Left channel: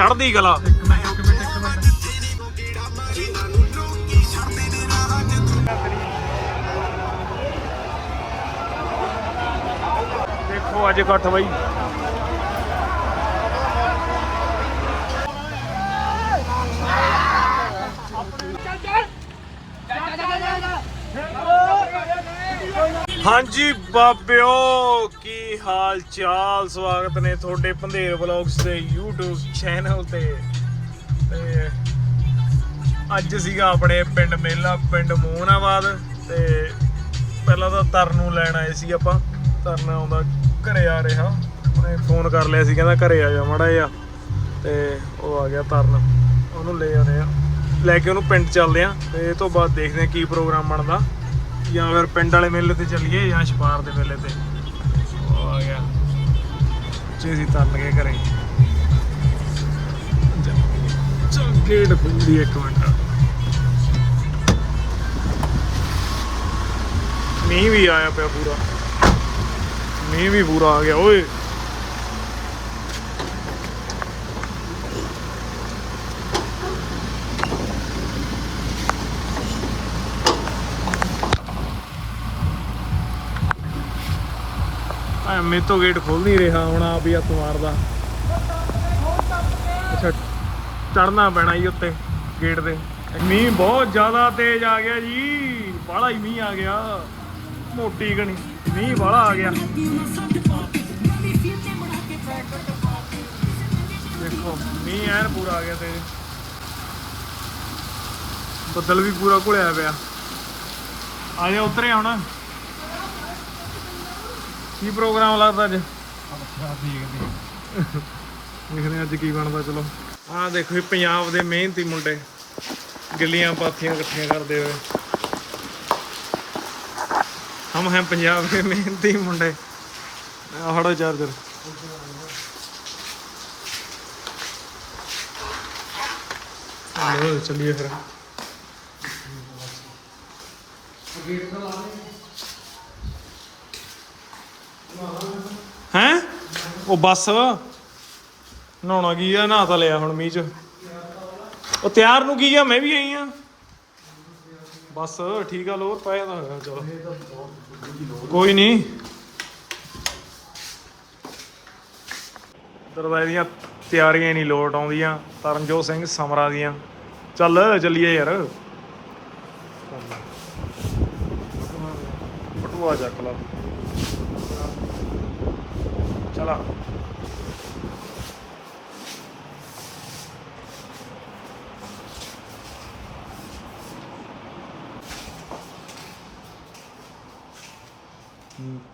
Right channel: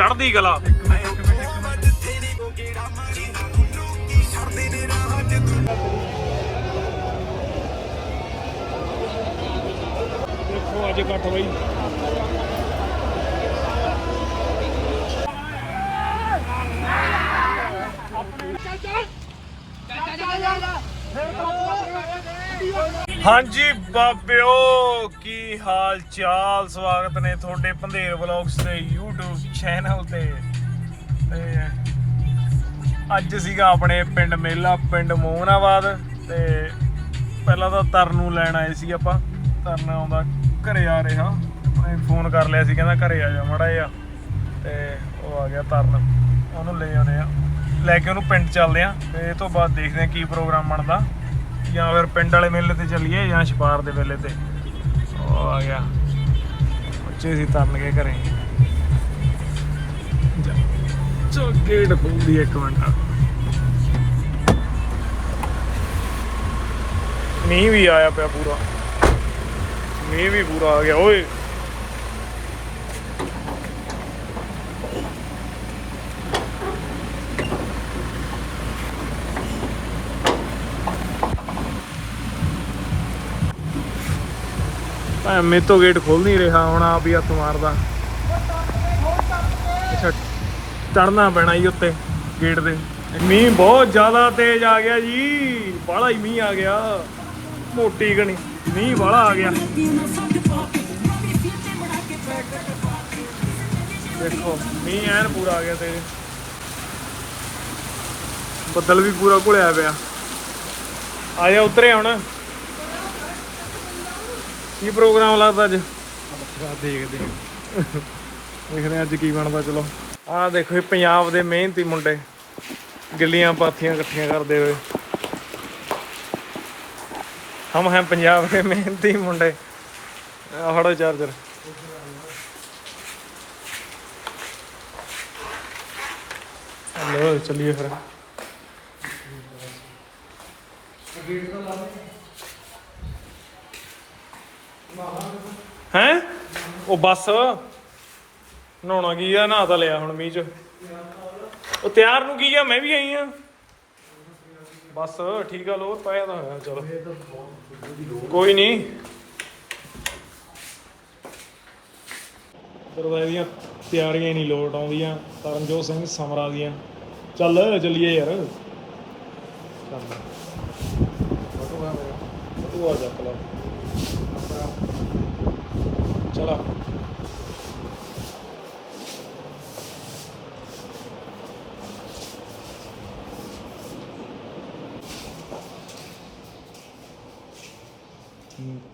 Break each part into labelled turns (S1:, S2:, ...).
S1: ਚੜ੍ਹਦੀ ਕਲਾ। ਦੇਖੋ ਅੱਜ ਇਕੱਠ ਬਈ। ਹਾਂਜੀ, ਬਾਬਿਓ, ਕੀ ਹਾਲ ਚਾਲ ਸਵਾਗਤ ਨੇ ਤੁਹਾਡੇ ਪੰਧੇਰ ਵਲੌਗਸ ਦੇ YouTube ਚੈਨਲ ਤੇ। ਤੇ ਅੱਜ ਸੀਗਾ ਆਪਣੇ ਪਿੰਡ ਮੇਲਾ, ਪਿੰਡ ਮੋਹਨਾਬਾਦ। ਤੇ ਪਹਿਲਾਂ ਤਾਂ ਤਰਨ ਨੂੰ ਲੈਣ ਆਏ ਸੀ ਆਪਾਂ। ਤਰਨ ਆਉਂਦਾ ਘਰੇ ਆ ਰਿਹਾ। ਉਹਨੇ ਫੋਨ ਕਰ ਲਿਆ ਸੀ, ਕਹਿੰਦਾ ਘਰੇ ਆ ਜਾ ਮੜਾ ਜਾ ਤੇ ਉਹ ਆ ਗਿਆ ਤਰਨ। ਉਹਨੂੰ ਲੈ ਆਉਨੇ ਆ। ਲੈ ਕੇ ਉਹਨੂੰ ਪਿੰਡ ਚੱਲਦੇ ਆ। ਤੇ ਇਹ ਤੋਂ ਬਾਅਦ ਦੇਖਦੇ ਆ ਕੀ ਪ੍ਰੋਗਰਾਮ ਬਣਦਾ। ਜਾਂ ਫਿਰ ਪਿੰਡ ਵਾਲੇ ਮੇਲੇ ਤੇ ਚੱਲੀਏ ਜਾਂ ਛਪਾਰ ਦੇ ਮੇਲੇ ਤੇ। ਉਹ ਆ ਗਿਆ। ਉੱਚੇ ਸੀ ਤਰਨ ਕੇ ਘਰੇ ਚੋ ਗੇਟ ਖੁੱਲੀ ਇੱਕ ਮਿੰਟ। ਮੀਂਹ ਵੀ ਆਇਆ ਪਿਆ ਪੂਰਾ। ਮੀਂਹ ਵੀ ਪੂਰਾ ਆ ਗਿਆ, ਓਏ। ਆ ਮੇ ਤੋਂ ਗੇਟ ਖੁੱਲ ਨਹੀਂ ਰਿਹਾ ਹੁਣ ਆਪ ਹੀ ਹੱਥ ਮਾਰਦਾ। ਅੱਛਾ ਚੜਨਾ ਪੈਣਾ ਜੀ ਉੱਤੇ ਗੇਟ ਦੇ। ਮੀਂਹ ਬਹੁਤ ਜ਼ਿਆਦਾ ਤੇਜ਼ ਆ ਗਿਆ ਜੀ। ਬਾਹਲਾ ਹੀ ਮੀਂਹ ਆ ਗਿਆ। ਮੋਟੀ ਗਣੀ ਮੀਂਹ ਬਾਹਲਾ ਆ ਗਿਆ। ਦੇਖੋ, ਮੀਂਹ ਐਨ ਪੂਰਾ ਆ ਗਿਆ ਤੇਜ਼ ਬੱਦਲ ਵੀ ਪੂਰਾ ਘੁਲਿਆ ਪਿਆ। ਆ ਜਾ, ਉਤਰੇ ਹੁਣ। ਕੀ ਪ੍ਰੋਗਰਾਮ ਲੱਗਦਾ ਅੱਜ? ਦੇਖਦੇ ਹਾਂ। ਦੇਖਦੇ ਹਾਂ ਅੱਜ ਕੀ ਬਣਦਾ ਚਲੋ। ਆਹ ਦੇਖੋ ਇਹ ਪੰਜਾਬ ਦੇ ਮਿਹਨਤੀ ਮੁੰਡੇ। ਗਿੱਲੀਆਂ ਪਾਥੀਆਂ ਇਕੱਠੀਆਂ ਕਰਦੇ ਹੋਏ। ਹਮ ਹੈ ਪੰਜਾਬ ਦੇ ਮਿਹਨਤੀ ਮੁੰਡੇ। ਆਹ ਫੜੋ ਚਾਰਜਰ। ਲੋ ਚਲਿਏ ਫਿਰ ਹੈਂ ਉਹ ਬੱਸ ਨਹਾਉਣਾ ਕੀ ਆ, ਨਹਾ ਤਾਂ ਲਿਆ ਹੁਣ ਮੀਂਹ ਚ। ਉਹ ਤਿਆਰ ਨੂੰ ਕੀ ਆ, ਮੈਂ ਵੀ ਆਈ ਆ। ਬਸ, ਠੀਕ ਆ, ਲੋਰ ਪਾਇਆ ਤਾਂ ਹੋਇਆ, ਚਲੋ। ਕੋਈ ਨਹੀਂ ਦਰਵਾਜ਼ੇ ਦੀਆਂ ਤਿਆਰੀਆਂ ਨਹੀਂ ਲੋਟ ਆਉਂਦੀਆਂ, ਤਰਨਜੋਤ ਸਿੰਘ ਸਮਰਾ ਦੀਆਂ। ਚੱਲ, ਚੱਲੀਏ ਯਾਰ। ਬਟੂਆ ਮੇਰਾ ਬਟੂਆ ਚੱਕ ਲਾ। ਚਲਾ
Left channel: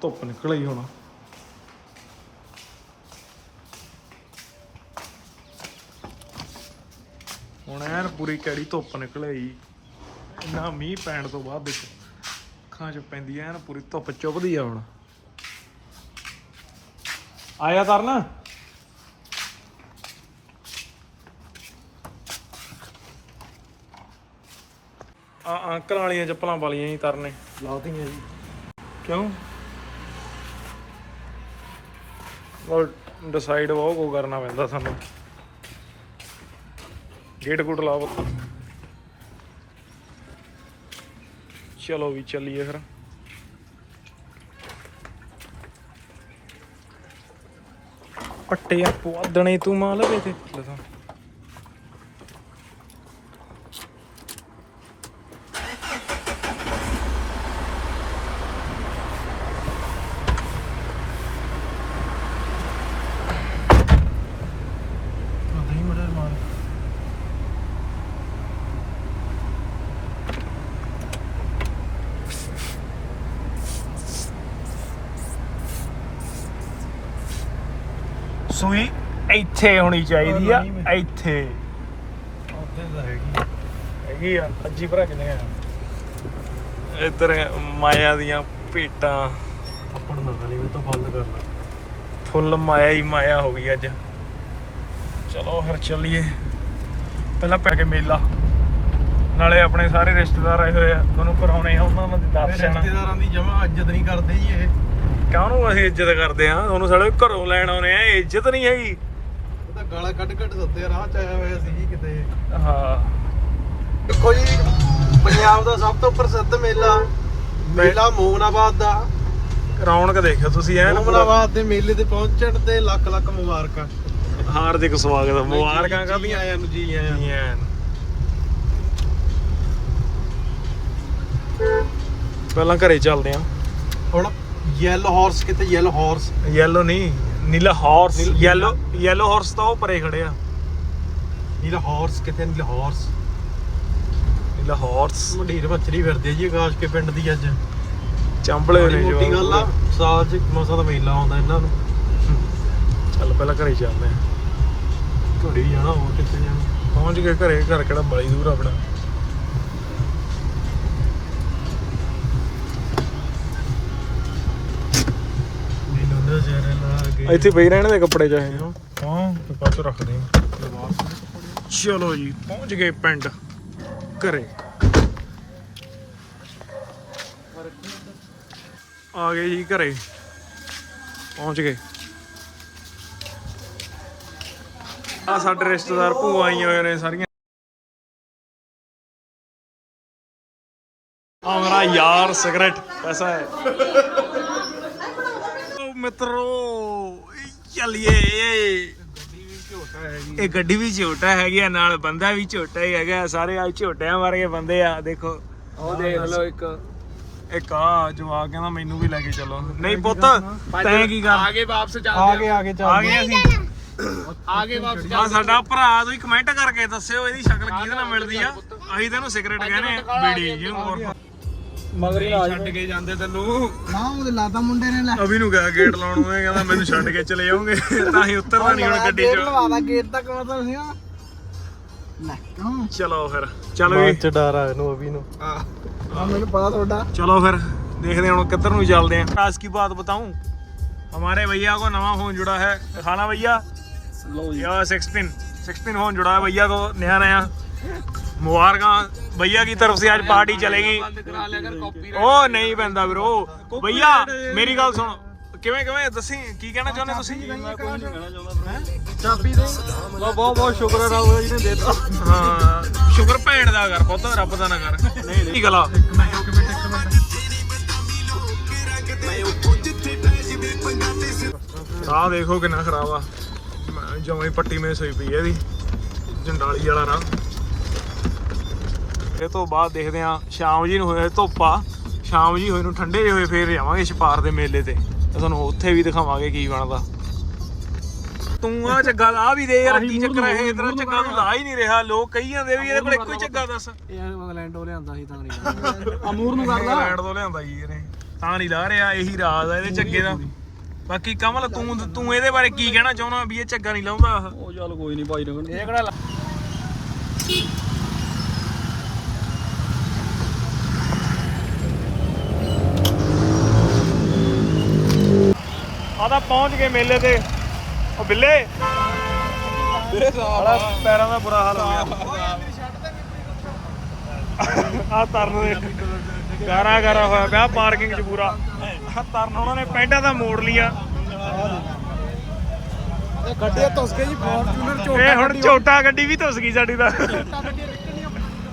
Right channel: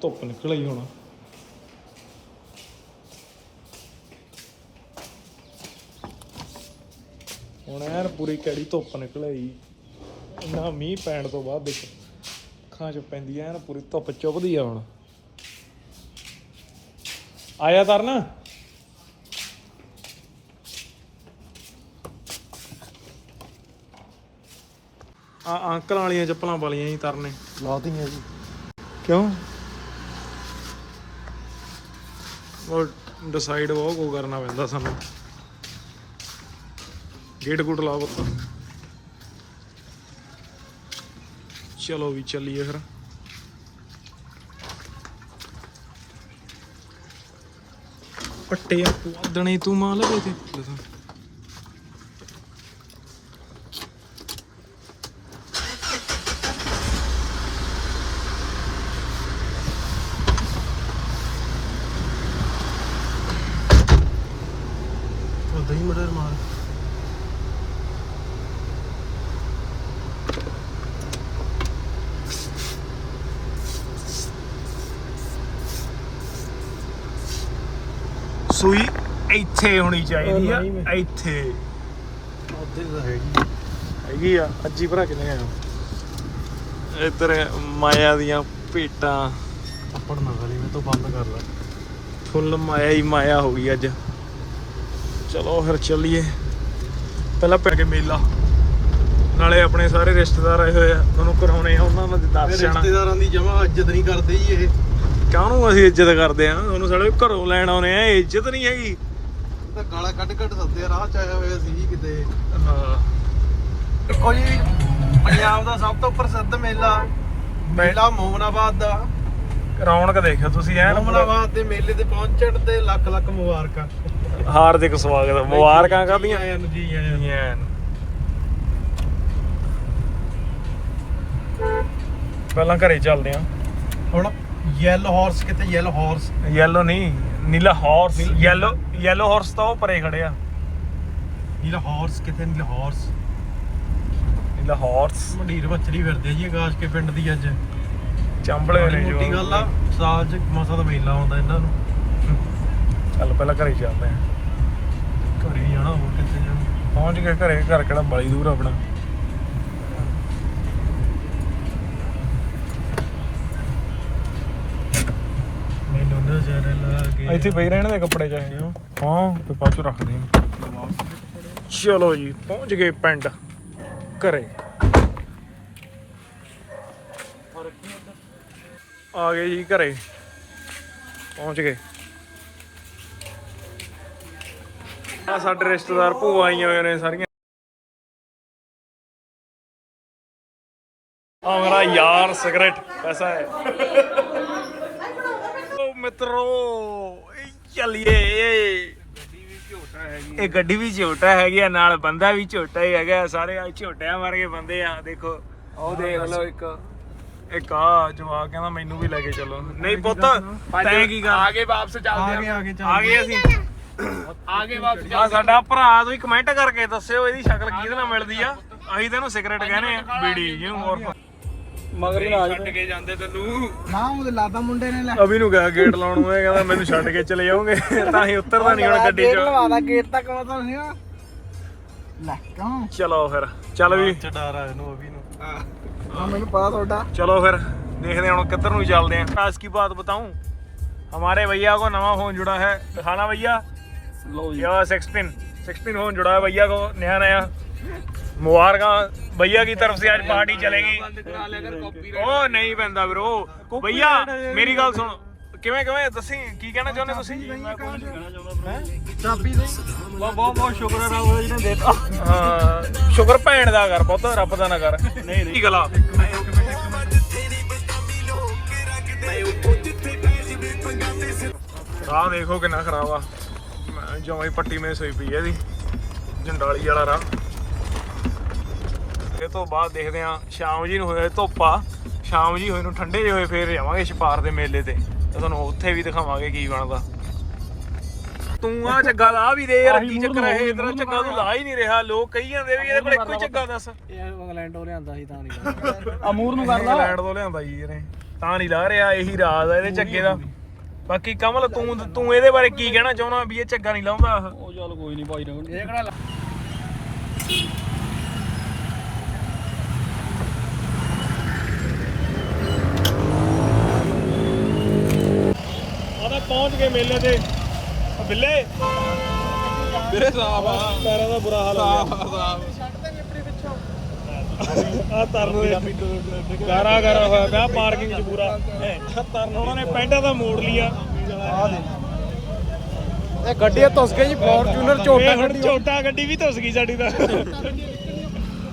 S1: ਧੁੱਪ ਨਿਕਲ ਆਈ ਹੁਣ। ਹੁਣ ਐਨ ਪੂਰੀ ਕੈੜੀ ਧੁੱਪ ਨਿਕਲ ਆਈ। ਇੰਨਾ ਮੀਂਹ ਪੈਣ ਤੋਂ ਬਾਅਦ ਦੇਖੋ ਅੱਖਾਂ 'ਚ ਪੈਂਦੀ ਐਨ ਪੂਰੀ ਧੁੱਪ ਚੁੱਭਦੀ ਆ ਹੁਣ। ਆਇਆ ਤਰਨ ਆ ਅੰਕਲ ਵਾਲੀਆਂ ਚੱਪਲਾਂ ਵਾਲੀਆਂ ਹੀ ਤਰਨੇ।
S2: ਲਾਤੀਆਂ ਜੀ।
S1: ਕਿਉਂ? ਉਹ ਡਿਸਾਈਡ ਉਹ ਕੋ ਕਰਨਾ ਪੈਂਦਾ ਸਾਨੂੰ। ਗੇਟ ਗੁੱਟ ਲਾ ਬੱਤਾ ਚਲੋ ਵੀ ਚੱਲੀਏ ਫਿਰ। ਪੱਟੇ ਆ ਪੁਆਦਣੇ ਤੂੰ ਮਾਂ ਲਵੇ ਤੇ। ਦੱਸਾਂ
S2: ਉਦਾਂ ਹੀ ਮੜੇ ਨਾਲ
S1: ਸੂਈ ਇੱਥੇ ਹੋਣੀ ਚਾਹੀਦੀ ਆ ਇੱਥੇ।
S2: ਉਹਦੇ ਤਾਂ ਹੈਗੀ
S1: ਹੈਗੀ ਆ ਅੱਜੀ ਭਰਾ ਕਿਨੇ ਆ? ਇੱਧਰ ਮਾਇਆ ਦੀਆਂ ਭੇਟਾਂ
S2: ਥੱਪੜ ਨਾ ਕਰੀ ਉਹ ਤੋਂ ਬੰਦ ਕਰ ਲੈ।
S1: ਫੁੱਲ ਮਾਇਆ ਹੀ ਮਾਇਆ ਹੋ ਗਈ ਅੱਜ। ਚਲੋ ਫਿਰ ਚੱਲੀਏ। ਪਹਿਲਾਂ ਪੈ ਕੇ ਮੇਲਾ। ਨਾਲੇ ਆਪਣੇ ਸਾਰੇ ਰਿਸ਼ਤੇਦਾਰ ਆਏ ਹੋਏ ਆ। ਮੈਨੂੰ ਕਰਾਉਣੇ ਆ ਉਹਨਾਂ ਦੇ ਦਰਸ਼ਨ।
S2: ਰਿਸ਼ਤੇਦਾਰਾਂ ਦੀ ਜਮਾ ਇੱਜ਼ਤ ਨਹੀਂ ਕਰਦੇ ਜੀ ਇਹ।
S1: ਕਾਹਨੂੰ ਅਸੀਂ ਇੱਜ਼ਤ ਕਰਦੇ ਆ? ਉਹਨੂੰ ਸਾਡੇ ਘਰੋਂ ਲੈਣ ਆਉਨੇ ਆ। ਇੱਜ਼ਤ ਨਹੀਂ ਹੈਗੀ।
S2: ਇਹ ਤਾਂ ਗਾਲਾਂ ਕੱਢ ਕੱਢ ਦਿੱਤੇ ਰਾਹ ਚ ਆਇਆ ਹੋਇਆ ਸੀ ਕਿਤੇ।
S1: ਹਾਂ।
S2: ਦੇਖੋ ਜੀ ਪੰਜਾਬ ਦਾ ਸਭ ਤੋਂ ਪ੍ਰਸਿੱਧ ਮੇਲਾ ਮੇਲਾ ਮੋਗਨਾਬਾਦ ਦਾ।
S1: ਰੌਣਕ ਦੇਖਿਓ ਤੁਸੀਂ ਐਨ
S2: ਮੋਗਨਾਬਾਦ ਦੇ ਮੇਲੇ ਤੇ ਪਹੁੰਚਣ ਤੇ ਲੱਖ ਲੱਖ ਮੁਬਾਰਕਾਂ।
S1: ਹਾਰਦਿਕ ਸਵਾਗਤ ਮੁਬਾਰਕਾਂ ਕਰਦੀਆਂ
S2: ਆਇਆਂ ਨੂੰ ਜੀ ਆਇਆਂ
S1: ਪਹਿਲਾਂ ਘਰੇ ਚੱਲਦੇ ਆ।
S2: ਹੁਣ ਯੈਲੋ ਹਾਰਸ ਕਿਤੇ ਯੈਲੋ ਹਾਰਸ
S1: ਯੈਲੋ ਨਹੀਂ ਨੀਲਾ ਹਾਰਸ ਯੈਲੋ ਯੈਲੋ ਹਾਰਸ ਤਾਂ ਉਹ ਪਰੇ ਖੜੇ ਆ।
S2: ਨੀਲਾ ਹਾਰਸ ਕਿਤੇ ਨੀਲਾ ਹਾਰਸ
S1: ਨੀਲਾ ਹਾਰਸ
S2: ਮੰਡੀਰ ਬੱਚਰੀ ਫਿਰਦੇ ਜੀ ਆਕਾਸ਼ ਕੇ ਪਿੰਡ ਦੀ ਅੱਜ।
S1: ਚੰਬਲੇ ਨੇ ਜੋ
S2: ਗੱਲ ਆ ਸਾਲ ਚ ਮਸਾ ਦਾ ਮੇਲਾ ਆਉਂਦਾ ਇਹਨਾਂ ਨੂੰ।
S1: ਚੱਲ ਪਹਿਲਾਂ ਘਰੇ ਚੱਲਦੇ ਆ
S2: ਘਰੇ ਜਾਣਾ ਹੋਰ ਕਿੱਥੇ ਜਾਣਾ?
S1: ਪਹੁੰਚ ਗਏ ਘਰੇ ਘਰ ਕਿਹੜਾ ਬੜੀ ਦੂਰ ਆ ਆਪਣਾ। ਇੱਥੇ ਪਈ ਰਹਿਣ ਦੇ ਕੱਪੜੇ ਚਾਹੇ। ਹਾਂ। ਹਾਂ ਤੇ ਪਾਚੋ ਰੱਖਦੇ ਆ ਚਲੋ ਜੀ ਪਹੁੰਚ ਗਏ ਪਿੰਡ ਘਰੇ। ਆ ਗਏ ਜੀ ਘਰੇ। ਪਹੁੰਚ ਗਏ। ਆ ਸਾਡੇ ਰਿਸ਼ਤੇਦਾਰ ਭੂਆ ਆਈਆਂ ਹੋਏ ਨੇ ਸਾਰੀਆਂ। ਆ ਮੇਰਾ ਯਾਰ ਸਿਗਰਟ ਕੈਸਾ ਹੈ। ਓ ਮਿੱਤਰੋ ਚੱਲੀਏ। ਇਹ ਗੱਡੀ ਵੀ ਝੋਟਾ ਹੈਗੀ ਆ ਨਾਲ ਬੰਦਾ ਵੀ ਝੋਟਾ ਹੀ ਹੈਗਾ ਸਾਰੇ ਆ ਝੋਟਿਆਂ ਵਰਗੇ ਬੰਦੇ ਆ ਦੇਖੋ। ਉਹ ਦੇਖ ਲਓ ਇੱਕ। ਇੱਕ ਆ ਜਵਾਕ ਕਹਿੰਦਾ ਮੈਨੂੰ ਵੀ ਲੈ ਕੇ ਚੱਲੋ। ਨਹੀਂ ਪੁੱਤ ਤੈਂ ਕੀ ਕਰ
S3: ਆਗੇ ਵਾਪਸ ਚੱਲਦੇ
S2: ਆਗੇ ਆਗੇ ਚੱਲ
S1: ਆ ਗਏ ਅਸੀਂ
S3: ਆਗੇ ਵਾਪਸ
S1: ਆ ਸਾਡਾ ਭਰਾ ਤੁਸੀਂ ਕਮੈਂਟ ਕਰਕੇ ਦੱਸਿਓ ਇਹਦੀ ਸ਼ਕਲ ਕਿਹਦੇ ਨਾਲ ਮਿਲਦੀ ਆ ਅਸੀਂ ਤੈਨੂੰ ਸਿਗਰਟ ਕਹਿੰਦੇ ਆ ਬੀੜੀ ਜਿਹਨੂੰ ਹੋਰ
S3: ਮਗਰੀ ਛੱਡ ਕੇ ਜਾਂਦੇ ਤੈਨੂੰ
S2: ਹਾਂ ਉਹ ਲਾਤਾ ਮੁੰਡੇ ਨੇ ਲੈ
S1: ਅਭੀ ਨੂੰ ਕਿਹਾ ਗੇਟ ਲਾਉਣ ਨੂੰ ਇਹ ਕਹਿੰਦਾ ਮੈਨੂੰ ਛੱਡ ਕੇ ਚਲੇ ਜਾਓਗੇ ਤਾਂ ਅਸੀਂ ਉਤਰਦਾ ਨਹੀਂ ਹੁਣ ਗੱਡੀ 'ਚ
S2: ਲਵਾਦਾ ਗੇਟ ਤੱਕ ਆਉਂਦਾ ਸੀ ਨਾ ਲੈ ਕੌਣ
S1: ਚਲੋ ਫਿਰ ਚੱਲ ਵੀ
S2: ਚ ਡਰ ਆ ਇਹਨੂੰ ਅਭੀ ਨੂੰ
S3: ਹਾਂ
S2: ਮੈਨੂੰ ਪਤਾ ਤੁਹਾਡਾ
S1: चलो फिर देखते हैं हम किधर ਨੂੰ ਚੱਲਦੇ हैं आज की बात बताऊं हमारे भैया को नवा फोन जुड़ा है दिखाना भैया ये 16 16 फोन जुड़ा है भैया को नया नया मुबारक भैया की तरफ से आज पार्टी चलेगी
S3: ਕਰਾ ਲਿਆ ਕਰ ਕਾਪੀ
S1: ओ नहीं ਪੈਂਦਾ ਵੀਰੋ ਭਈਆ ਮੇਰੀ ਗੱਲ ਸੁਣ ਕਿਵੇਂ ਕਿਵੇਂ ਦੱਸੀ ਕੀ ਕਹਿਣਾ ਚਾਹੁੰਦੇ ਤੁਸੀਂ
S2: ਚਾਬੀ ਦੇ ਬਹੁਤ ਬਹੁਤ ਸ਼ੁਕਰ ਹੈ ਰੱਬ ਦਾ ਜਿਹਨੇ ਦੇਤਾ
S1: ਹਾਂ ਸ਼ੁਕਰ ਭੈਣ ਦਾ ਕਰ ਪੁੱਤ ਰੱਬ ਦਾ ਨਾ ਕਰ ਨਹੀਂ ਨਹੀਂ ਗਲਾ ਰਾਹ ਦੇਖੋ ਕਿੰਨਾ ਖਰਾਬ ਆ ਹੀ ਪੱਟੀ ਮੇ ਸੋਈ ਪਈ ਹੈ ਇਹਦੀ ਜੰਡਾਲੀ ਵਾਲਾ ਰਾਹ। ਇਹ ਤੋਂ ਬਾਅਦ ਦੇਖਦੇ ਆ ਸ਼ਾਮ ਜੀ ਨੂੰ ਹੋਏ ਧੁੱਪਾ। ਸ਼ਾਮ ਜੀ ਹੋਏ ਨੂੰ ਠੰਡੇ ਜਿਹੇ ਹੋਏ ਫੇਰ ਜਾਵਾਂਗੇ ਛਪਾਰ ਦੇ ਮੇਲੇ ਤੇ। ਤੇ ਤੁਹਾਨੂੰ ਉੱਥੇ ਵੀ ਦਿਖਾਵਾਂਗੇ ਕੀ ਬਣਦਾ। ਤੂੰ ਆ ਚੱਗਾ ਲਾ ਵੀ ਦੇ ਯਾਰ ਕੀ ਚੱਕਰ ਹੈ ਇਧਰ ਚੱਗਾ ਤੂੰ ਲਾ ਹੀ ਨਹੀਂ ਰਿਹਾ ਲੋਕ ਕਹੀ ਜਾਂਦੇ ਵੀ ਇਹਦੇ ਕੋਲ ਇੱਕੋ ਹੀ ਚੱਗਾ ਦੱਸ।
S2: ਇਹ ਇੰਗਲੈਂਡ ਉਹ ਲਿਆਂਦਾ ਸੀ ਤਾਂ ਨਹੀਂ ਅਮੂਰ ਨੂੰ
S1: ਇੰਗਲੈਂਡ ਤੋਂ ਲਿਆਂਦਾ ਜੀ ਇਹਨੇ। ਤਾਂ ਨਹੀਂ ਲਾ ਰਿਹਾ ਇਹੀ ਰਾਜ ਆ ਇਹਦੇ ਚੱਗੇ ਦਾ। ਬਾਕੀ ਕਮਲ ਤੂੰ ਤੂੰ ਇਹਦੇ ਬਾਰੇ ਕੀ ਕਹਿਣਾ ਚਾਹੁੰਦਾ ਵੀ ਇਹ ਚੱਗਾ ਨਹੀਂ ਲਾਉਂਦਾ
S2: ਉਹ ਚੱਲ ਕੋਈ ਨਹੀਂ ਭਾਈ ਰਗਣ ਇਹ ਕਿਹੜਾ
S1: ਆ ਤਾਂ ਪਹੁੰਚ ਗਏ ਮੇਲੇ ਤੇ। ਉਹ ਬਿੱਲੇ। ਸਾਲਾ ਪੈਰਾਂ ਦਾ ਬੁਰਾ ਹਾਲ ਹੋ ਗਿਆ। ਆ ਤਰਨ ਦੇ ਗਾਰਾ ਗਾਰਾ ਹੋਇਆ ਪਿਆ ਪਾਰਕਿੰਗ 'ਚ ਪੂਰਾ। ਆਹ ਤਰਨ ਉਹਨਾਂ ਨੇ ਪੈਂਟਾਂ ਦਾ ਮੋੜ ਲਿਆ।
S2: ਇਹ ਗੱਡੀ ਧੁੱਸ ਗਈ ਜੀ ਫੋਰਚੂਨਰ
S1: ਇਹ ਹੁਣ ਝੋਟਾ ਗੱਡੀ ਵੀ ਧੁੱਸ ਗਈ ਸਾਡੀ ਤਾਂ।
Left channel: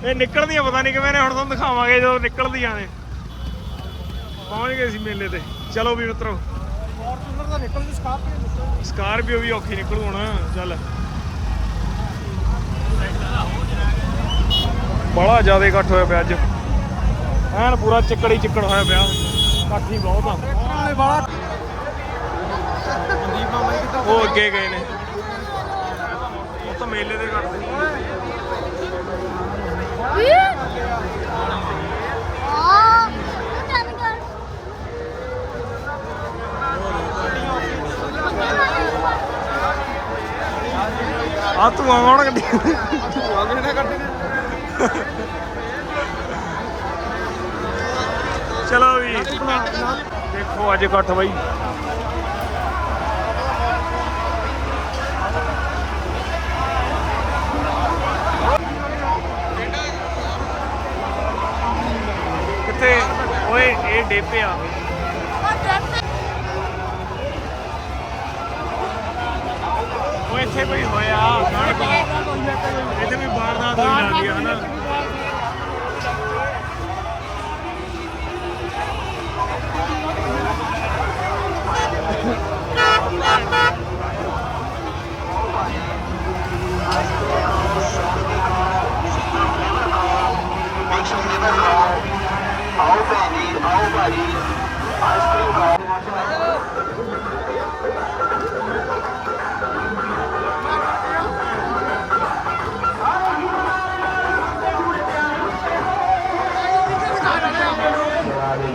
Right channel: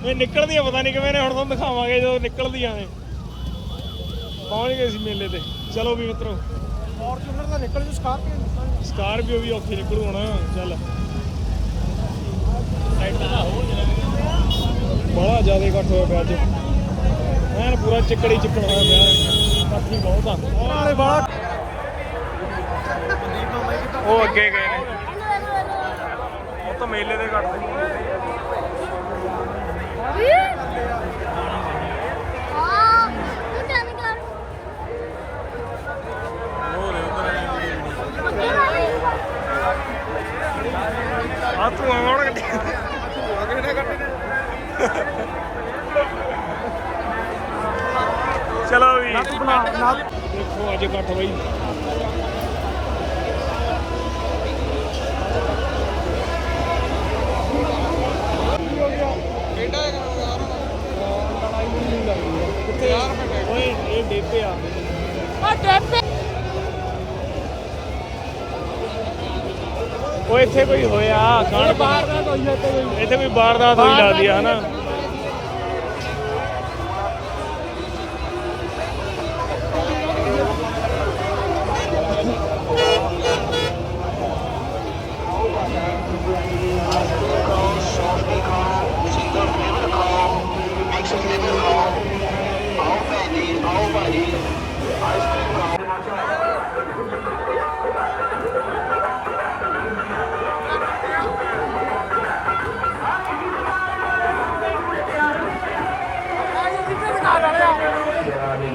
S1: ਇਹ ਨਿਕਲਦੀਆਂ ਪਤਾ ਨਹੀਂ ਕਿਵੇਂ ਨੇ ਹੁਣ ਤੁਹਾਨੂੰ ਦਿਖਾਵਾਂਗੇ ਜਦੋਂ ਨਿਕਲਦੀਆਂ ਨੇ। ਪਹੁੰਚ ਗਏ ਸੀ ਮੇਲੇ ਤੇ। ਚਲੋ ਵੀ ਮਿੱਤਰੋ।
S2: ਫੋਰਚੂਨਰ ਦਾ ਨਿਕਲ ਜੂ ਸਕਾਰਪੀਓ
S1: ਸਕਾਰਪੀਓ ਵੀ ਔਖੀ ਨਿਕਲੂ ਹੁਣ ਚੱਲ। ਬੜਾ ਜ਼ਿਆਦਾ ਇਕੱਠ ਹੋਇਆ ਪਿਆ ਅੱਜ। ਐਨ ਪੂਰਾ ਚਿੱਕੜੀ ਚਿੱਕੜ ਹੋਇਆ ਪਿਆ। ਇਕੱਠ ਹੀ ਬਹੁਤ ਆ।
S2: ਨਾਲੇ ਬੜਾ
S1: ਉਹ ਅੱਗੇ ਗਏ ਨੇ। ਉਹ ਤਾਂ ਮੇਲੇ ਦੇ
S4: ਘੱਟ ਦੇ ਆ ਤੂੰ ਆਉਣ
S1: ਕੱਢੀ। ਤੂੰ ਆਉਣ ਕੱਢੀ ਚਲੋ ਵੀ। ਦੇਖੋ ਅੱਜ ਇਕੱਠ ਬਈ। ਕਿੱਥੇ? ਓਏ, ਇਹ ਡੇਪੇ ਆ। ਓਏ, ਇੱਥੇ ਕੋਈ ਹੋਇਆ, ਕਾਂਡ ਇੱਥੇ ਕੋਈ ਵਾਰਦਾਤ ਹੋਈ ਲੱਗਦੀ ਆ ਹਨਾ?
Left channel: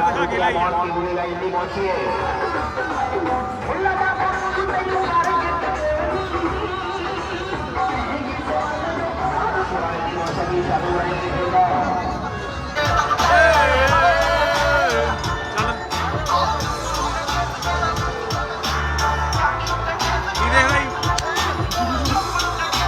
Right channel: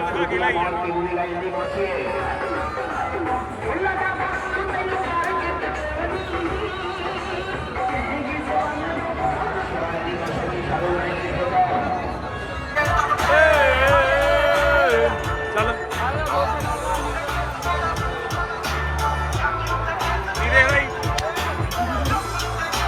S1: ਦਿਖਾ ਕੇ ਲਾਈ ਚੱਲ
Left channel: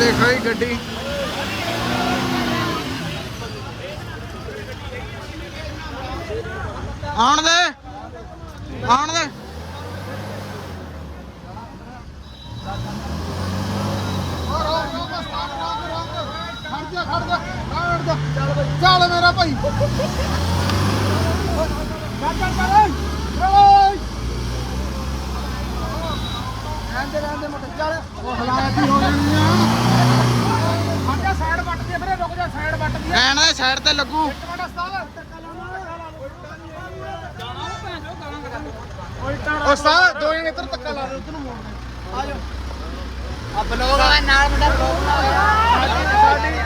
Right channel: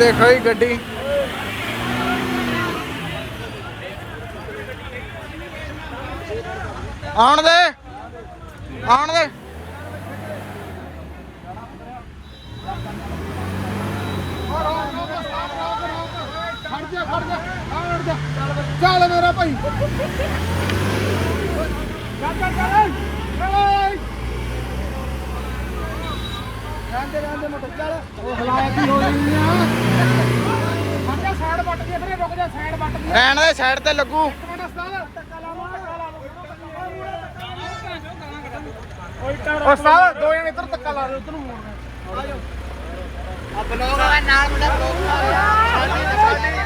S1: ਦੇਖੋ ਇਹ ਗੱਡੀ। ਆਉਣ ਦੇ ਆਉਣ ਦੇ।
S2: ਚੱਲ ਮੇਰਾ ਭਾਈ। ਰਹਿੰਦੇ ਰਹਿੰਦੇ ਮੋਟੇ ਚੱਲ ਉਹ ਹਲਾਇਆ ਕੀ ਹੋ ਜਾਣੀ ਆ। ਸਾਡਾ ਸਾਈਡ ਵੱਟ ਕੇ ਵੀਰੇ ਰੁਕ ਜਾ ਸਾਈਡ ਵੱਟ ਕੇ
S1: ਰਹਿਣ ਦੇ ਸਾਈਡ ਤੇ ਲੱਗੂ।
S2: ਮਿੰਟ ਉਸਤਾਦ ਉਸਤਾਦ ਦੋ ਜਣੇ ਇੱਧਰ ਧੱਕਾ ਲਾ ਇੱਧਰ ਨੂੰ ਮੋੜਨਾ ਆ ਜਾ ਆ ਬਲੌਗ ਦਾ ਨਾਲ ਮੁੰਡਾ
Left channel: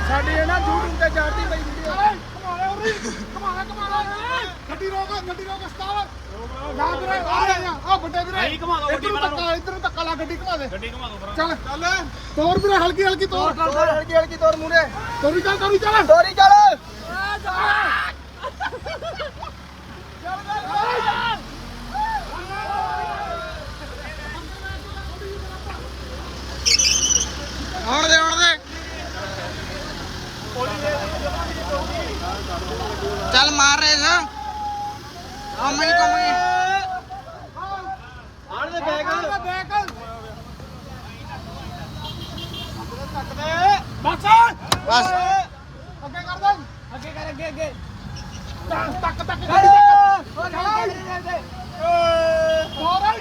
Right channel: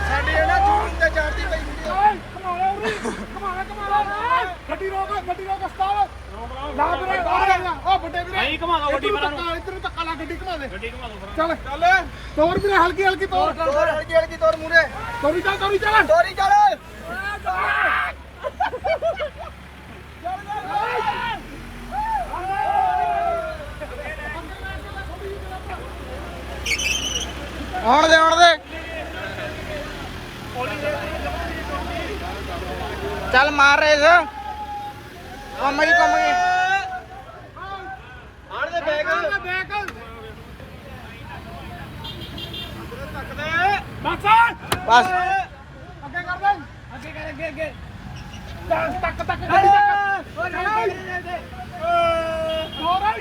S2: ਸਾਡੀ ਨਾ ਜੂਨ ਤੇ ਜਾਤੀ ਲੱਗਦੀ ਕਮਾਲਾ ਉਰੀ ਕਮਾਲਾ ਕਮਾਲਾ ਗੱਡੀ ਰੋਕ ਗੱਡੀ ਰੋਕ ਉਸਤਾਦ। ਲਾ ਵੀਰੇ ਆ ਜਾ ਆ ਵੱਡੇ ਵੀਰੇ। ਨਹੀਂ ਘਮਾ ਲਓ ਗੱਡੀ ਬਣਾ ਇੱਧਰ ਨੂੰ ਧੱਕਾ ਲਾ ਗੱਡੀ ਘਮਾ ਦੇ। ਗੱਡੀ ਘਮਾ ਦੋ ਚੱਲ। ਚੱਲ। ਤੋਰ ਵੀਰੇ ਹਲਕੀ ਹਲਕੀ ਤੋਰ। ਤੋਰ ਹਲਕੀ ਹਲਕੀ ਤੋਰ ਮੂਰੇ ਤੋਰੀ ਚੱਲ ਤੋਰੀ ਚੱਲ। ਤੋਰੀ ਚੱਲ।
S1: ਆਉਣ ਦੇ ਆਉਣ ਦੇ। ਚੱਲ ਮਾਰ ਰੇਸ। ਘੁੰਮ ਗਈ ਘੁੰਮ ਗਈ
S2: ਆਣ ਦੇ ਬੈਗ ਬੈਗ ਬਸ।
S1: ਬਸ
S2: ਅੱਗੇ ਕਰ ਦੇ ਅੱਗੇ ਕਰ ਅੱਗੇ ਅੱਗੇ ਤੱਕ ਤੱਕ ਤੱਕ ਗੱਡੀ ਤੱਕ ਹੋਰ
S1: ਹਾਂ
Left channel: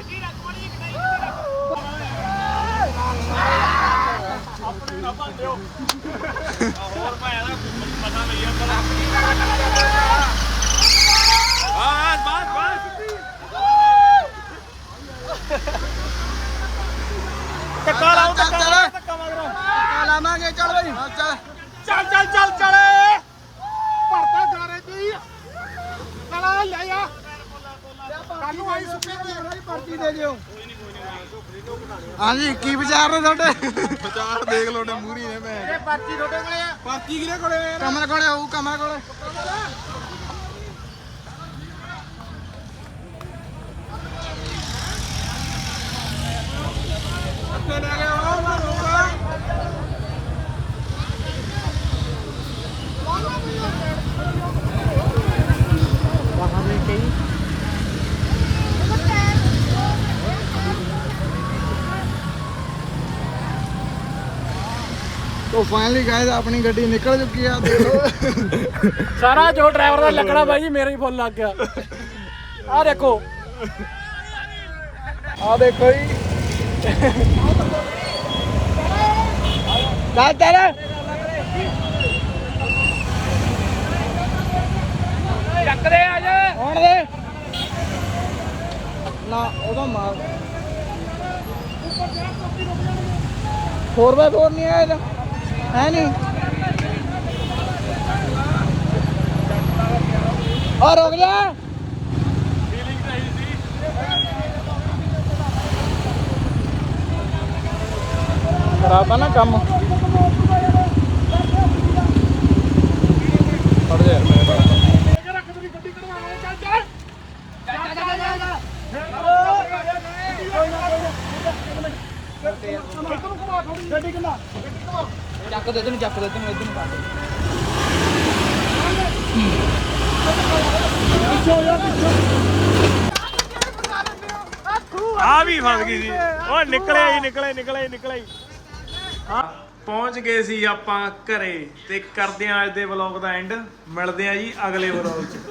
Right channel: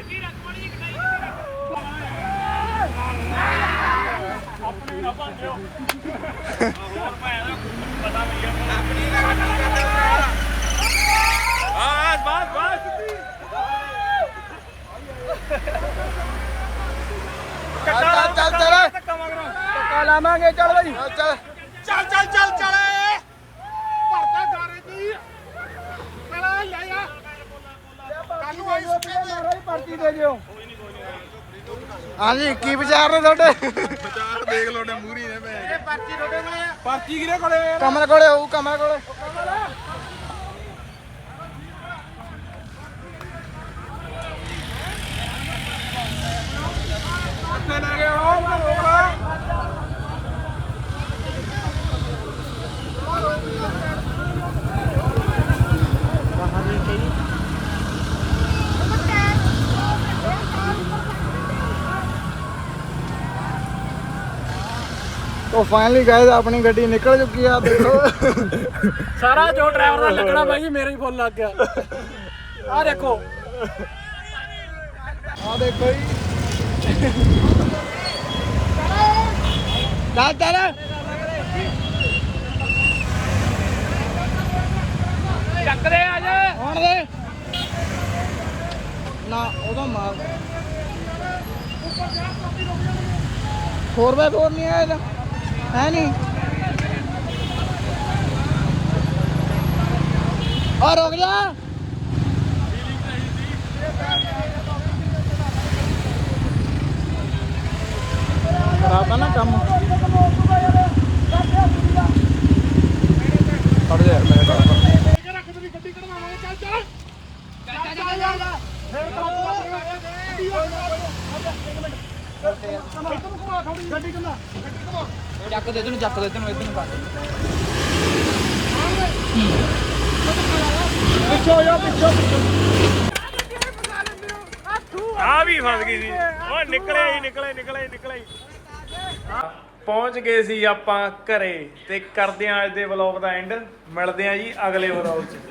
S4: ਹਾਂਜੀ ਕੀ ਵਿਚਾਰ ਨੇ ਤੁਹਾਡੇ?
S3: ਵਿਚਾਰ ਦੇਖ ਲੋਡੇ ਮੂਰੀ ਨੇ ਮੈਂ
S4: ਪਰਚੀ ਲੋਡੇ ਕੋਲੇ
S3: ਪਰਚੀ ਕਿਹਦੇ ਕੋਲੇ?
S4: ਕਮਲ ਕੋਲੇ ਹੋਊ ਕਮਲ ਕੋਲੇ। ਤੋ ਫਾਈਨਲੀ ਗਾਇਸ ਆਪਣੀ ਗੱਡੀ ਨਿਕਲ ਚੁੱਕੀ ਆ ਦੇਖੋ।
S1: ਸਾਰਾ ਜੋ ਡਰਾਈਵਰ ਦਾ ਲੱਗਣਾ ਬਾਈ ਮੇਰਾ ਹੀ ਫੁੱਲ ਲੱਗ ਗਿਆ। ਆ ਦੇਖੋ।
S4: ਆ ਦੇਖੋ ਜੀ। ਚੱਲ ਚੱਲ।
S1: ਚੱਕ ਦੇ ਆ ਜਾ।
S4: ਹੁਣ ਦੇ। ਨਾ ਉਹਦਾ ਮਾਰ। 4x4 ਨਹੀਂ ਹੈ ਇਹਦਾ। ਹੈ ਨਹੀਂ। ਆ ਰੁਕ ਜਾ। ਖਰਾਬ ਨਾ ਕੰਮ। ਫੜ ਜਾ ਯਾਰ ਮੇਰੇ ਨਾਲ। ਚੱਕ ਦੇ ਤੈਨੂੰ ਚੱਕ ਦੇ ਤੈਨੂੰ ਇਧਰ ਨੂੰ ਕੱਟ
S1: ਆ ਵੀ ਫਸ ਗਈ ਸੀ ਉਹ ਨਿਕਲਿਆ ਹੀ ਨਿਕਲਿਆ ਹੀ, ਨਿਕਲਿਆ ਹਾਂ ਪਹੁੰਚ ਗਏ ਸੀ ਆਪਾਂ ਘਰੇ ਤੇ ਕਰਦੇ ਆਂ ਅੱਜ ਦੇ ਵਲੌਗ ਦਾ ਐਂਡ ਮਿਲਦੇ ਆਂ ਜੀ ਅਗਲੇ ਵਲੌਗ 'ਚ।